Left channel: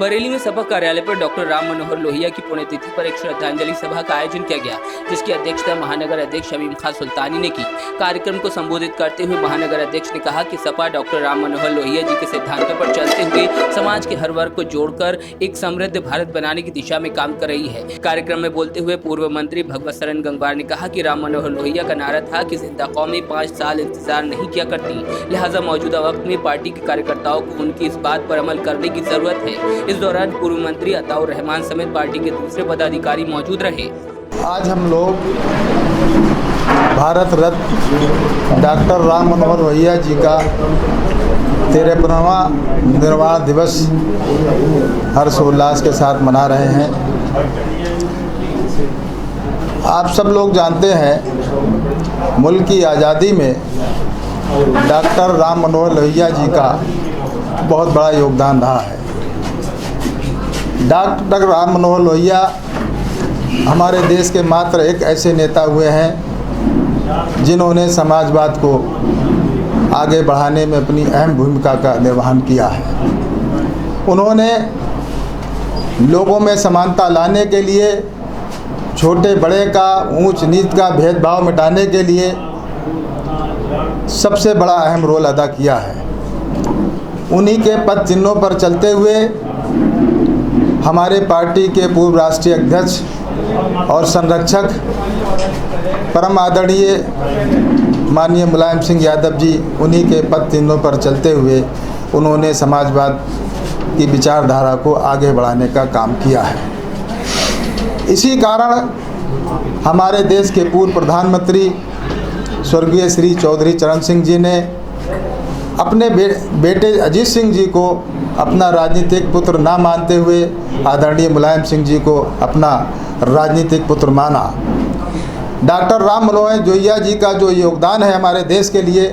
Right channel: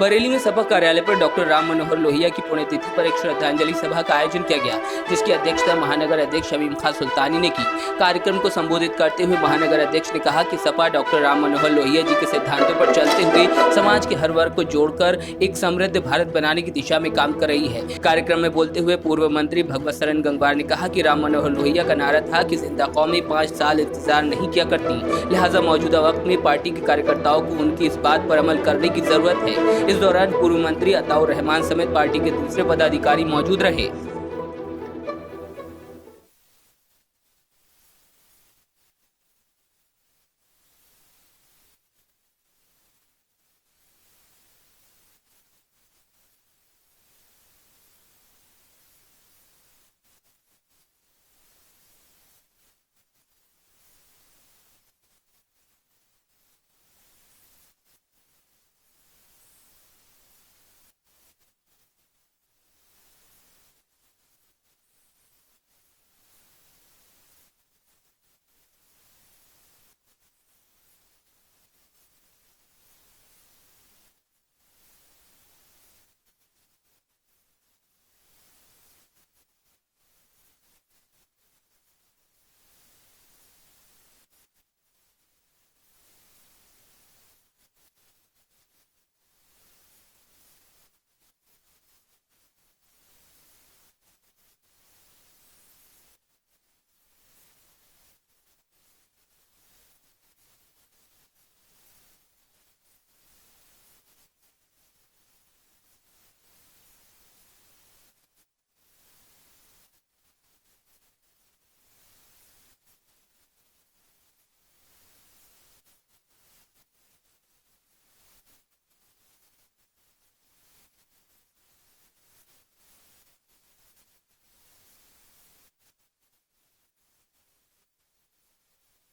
बरेली में सपा कार्यालय पर डॉक्टर राम मनोहर लोहिया की पुण्यतिथि पर एक श्रद्धांजलि सभा का आयोजन किया गया, जिसकी अध्यक्षता महानगर अध्यक्ष शमीम खां सुल्तानी ने की। कार्यक्रम को संबोधित करते हुए महानगर अध्यक्ष ने कहा कि सपा डॉक्टर राम मनोहर लोहिया जी के सिद्धांतों पर चलते हुए समाज के हर वर्ग को जोड़कर एक समृद्ध भारत बनाने की दिशा में काम कर रही है। कार्यक्रम में बोलते हुए पूर्व मंत्री भगवत शरण गंगवार ने कहा कि राम मनोहर लोहिया का नारा था कि जिंदा कौमें 5 साल इंतजार नहीं किया करती, लिहाजा मौजूदा वक्त में पार्टी के कार्यकर्ताओं को उनकी इस बात पर अमल करने की जरूरत है। इस दौरान पूर्व मंत्री अताउर रहमान समेत पार्टी के दूसरे पदाधिकारी मौजूद रहे। आज हम लोग भारत रत्न डॉक्टर राम मनोहर लोहिया जी का 53वां निर्वाण दिवस हर्षोल्लास के साथ मना रहे हैं। आप सब लोग जानते हैं, मुल्क की आज़ादी में डॉक्टर राम मनोहर लोहिया जी का बहुत बड़ा योगदान रहा है। डॉक्टर राम मनोहर लोहिया हमारे देश के मात्र एक ऐसे नेता हुए हैं जिन्होंने समाजवाद को आगे बढ़ाने में अपनी अहम भूमिका का निर्वहन किया है। उन्होंने लोगों में समानता लाने के लिए, छोटे बड़े का, ऊंच नीच का भेदभाव मिटाने के लिए सबसे बड़ा अहम रोल अदा किया है। उन्हीं के पद चिन्हों पर चलते हुए हमारे पार्टी के पूर्व राष्ट्रीय अध्यक्ष और संरक्षक परम आदरणीय माननीय मुलायम सिंह यादव जी, उन्हीं के पद चिन्हों पर चलते हुए उन्होंने समाजवाद की विचारधारा को आगे बढ़ाने का काम किया है। इसी कारण हमारे देश के पूर्व प्रधानमंत्री स्वर्गीय श्री चौधरी चरण सिंह जी ने अपने बेटे अजीत सिंह जी को अपना राजनीतिक पुत्र ना मानते हुए आदरणीय मुलायम सिंह जी को अपना राजनीतिक पुत्र माना। डॉक्टर राम मनोहर लोहिया जी का जो योगदान है हमारे देश के लिए,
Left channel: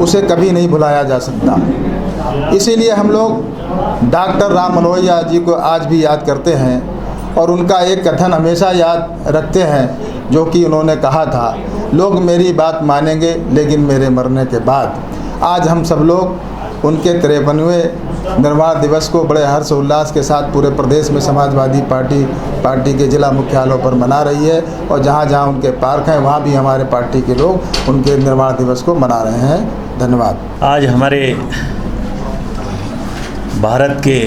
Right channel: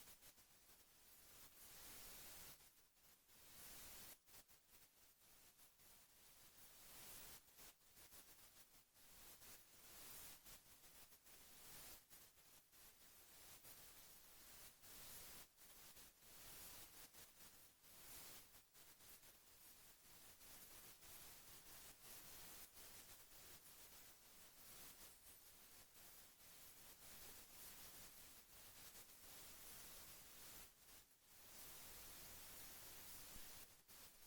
उसे कभी नहीं भुलाया जा सकता। इसीलिए हम लोग डॉक्टर राम मनोहर जी को आज भी याद करते हैं और उनका एक कथन हमेशा याद रखते हैं, जो कि उन्होंने कहा था, लोग मेरी बात मानेंगे लेकिन मेरे मरने के बाद। आज हम सब लोग उनके 53वें निर्वाण दिवस को बड़े हर्षोल्लास के साथ पूरे प्रदेश में समाजवादी पार्टी के जिला मुख्यालयों पर मना रही है, और जहाँ जहाँ उनके पार्क हैं वहाँ भी हमारे पार्टी के लोग उनके निर्वाण दिवस को मना रहे हैं। धन्यवाद। आज हमारे भारत के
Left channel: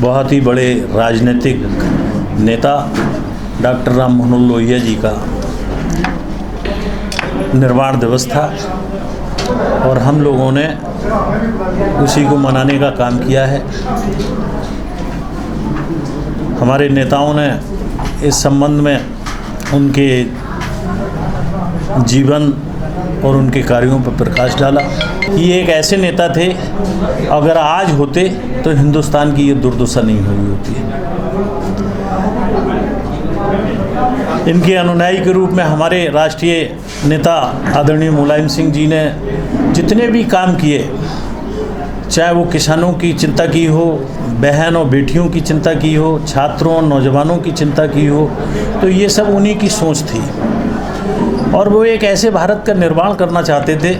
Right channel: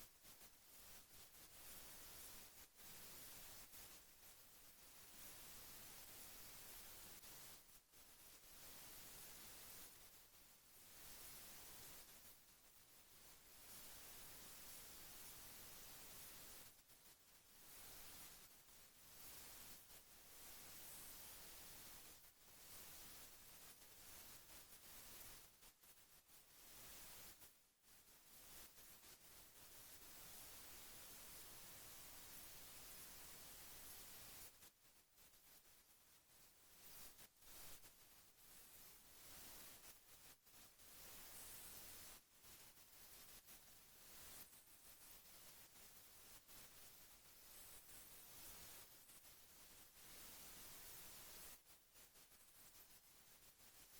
बहुत ही बड़े राजनीतिक नेता डॉक्टर राम मनोहर लोहिया जी का निर्वाण दिवस था और हम लोगों ने उसी को मनाने का काम किया है। हमारे नेताओं ने इस संबंध में उनके जीवन और उनके कार्यों पर प्रकाश डाला। ये एक ऐसे नेता थे, अगर आज होते तो हिंदुस्तान की ये दुर्दशा नहीं हुई होती। इनके अनुयायी के रूप में हमारे राष्ट्रीय नेता आदरणीय मुलायम सिंह जी ने जितने भी काम किए, चाहे वो किसानों की चिंता की हो, बहन और बेटियों की चिंता की हो, छात्रों और नौजवानों की चिंता की हो, तो ये सब उन्हीं की सोच थी। और वो एक ऐसे भारत का निर्माण करना चाहते थे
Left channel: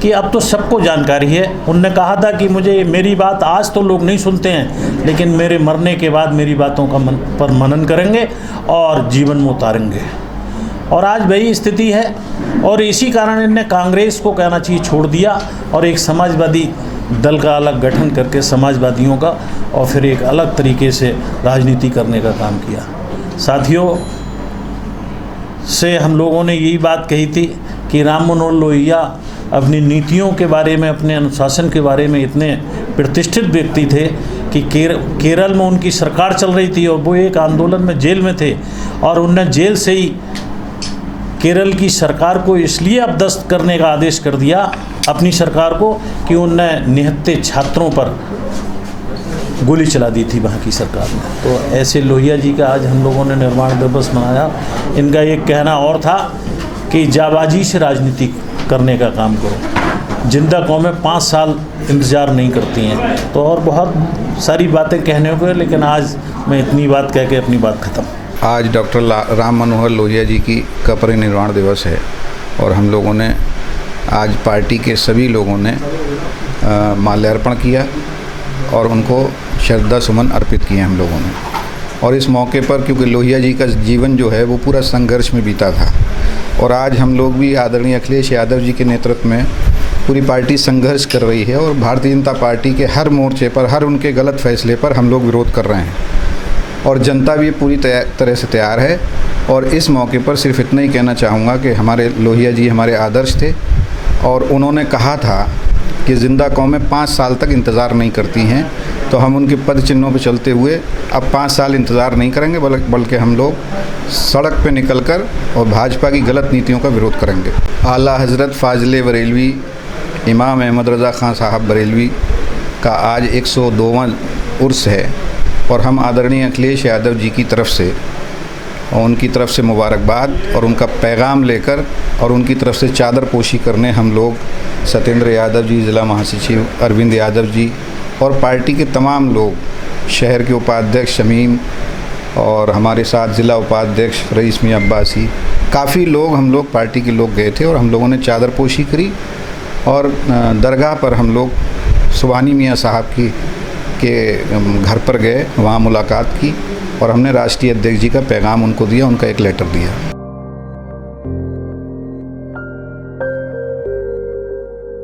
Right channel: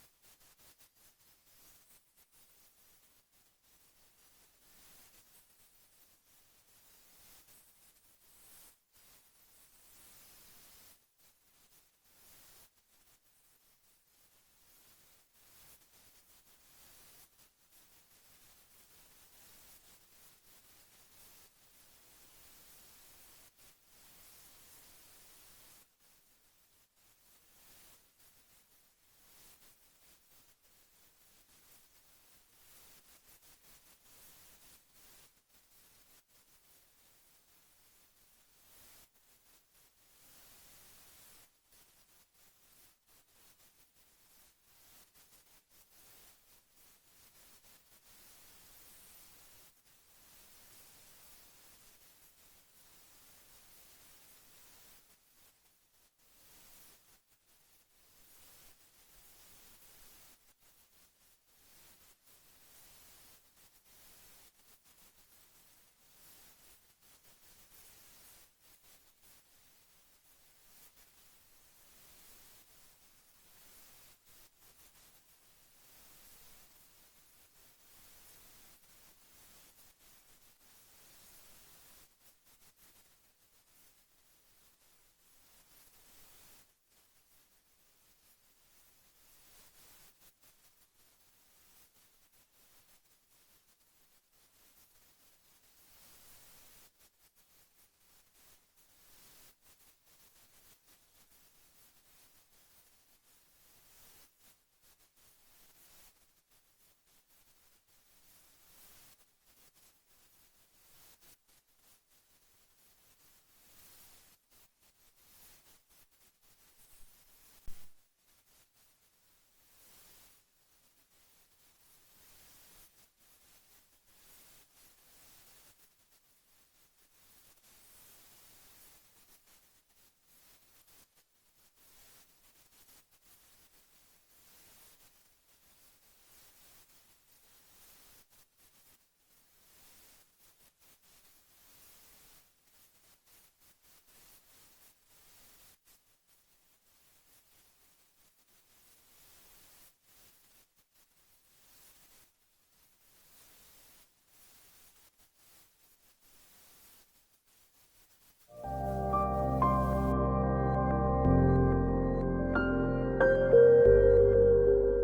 कि अब तो सबको जानकारी है। उनने कहा था कि मेरी बात आज तो लोग नहीं सुनते हैं, लेकिन मेरे मरने के बाद मेरी बातों का पर मनन करेंगे और जीवन में उतारेंगे। और आज वही स्थिति है, और इसी कारण इन्हें कांग्रेस को कहना चाहिए छोड़ दिया और एक समाजवादी दल का अलग गठन करके समाजवादियों का, और फिर एक अलग तरीके से राजनीति करने का काम किया। साथियों से हम लोगों ने यही बात कही थी कि राम मनोहर लोहिया अपनी नीतियों के बारे में, अपने अनुशासन के बारे में इतने प्रतिष्ठित व्यक्ति थे कि केरल में उनकी सरकार चल रही थी और वो एक आंदोलन में जेल में थे, और उनने जेल से ही केरल की सरकार को इसलिए अपदस्थ करने का आदेश कर दिया अपनी सरकार को कि उनने निहत्थे छात्रों पर गोली चला दी थी वहाँ की सरकार ने। तो ऐसे लोहिया जी का आज हम लोगों ने निर्वाण दिवस मनाया। इनका एक कहना और था कि जाबाजी से राजनीति करने का काम करो, जिंदा कौमें 5 साल इंतज़ार नहीं करती हैं। तो और बहुत सारी बातें कहने को है, लेकिन आज मैं इतनी बात कह के अपनी बात ख़त्म। आज डॉक्टर राम मनोहर लोहिया जी का परिनिर्वाण दिवस है, और हम लोगों ने आज पार्टी के सभी लोगों ने माल्यार्पण किया और उनको श्रद्धा सुमन अर्पित किए हम लोगों ने। और इस मौके पर क्योंकि लोहिया जी का जीवन जो है वो पूरा संघर्ष में बीता था और आज हम लोग भी आदरणीय अखिलेश यादव जी के नेतृत्व में पूरी पार्टी संघर्ष कर रही है और भारतीय जनता पार्टी के हर मोर्चे पर, हर उनके गलत फैसले पर हम लोग विरोध कर रहे हैं और जनता भी पूरी तरह से तैयार है। और इस मौके पर सिर्फ इतना ही कहना चाहूँगा कि हमारे लोहिया जी हमारे आदर्श थे और उन्होंने कहा था कि ज़िंदा कौमें 5 साल तक इंतज़ार नहीं करती हैं, तो हम उनके पद चिन्हों पर चलते हुए अब 5 साल इंतज़ार नहीं करेंगे, बल्कि हम लोग सड़क पे निकलकर और भाजपा की गलत नीतियों का विरोध करेंगे। आला हज़रत फ़ाज़िल बरेलवी इमाम अहमद रज़ा ख़ान साहब बरेलवी का आज 102वां उर्स है और हम आदरणीय अखिलेश यादव जी की तरफ से और उनकी तरफ से मुबारकबाद और उनका पैगाम लेकर और उनकी तरफ से चादर पोशी करने हम लोग सत्येंद्र यादव जी, ज़िला महासचिव अरविंद यादव जी और पार्टी के तमाम लोग, शहर के उपाध्यक्ष शमीम और हमारे साथ ज़िला उपाध्यक्ष रईस मियां अब्बासी, काफ़ी लोग हम लोग पार्टी के लोग गए थे और हम लोगों ने चादर पोशी करी और दरगाह पर हम लोग सुबहानी मियां साहब के घर पर गए, वहाँ मुलाकात की और हमने राष्ट्रीय अध्यक्ष जी का पैगाम उनको दिया, उनका एक लेटर दिया।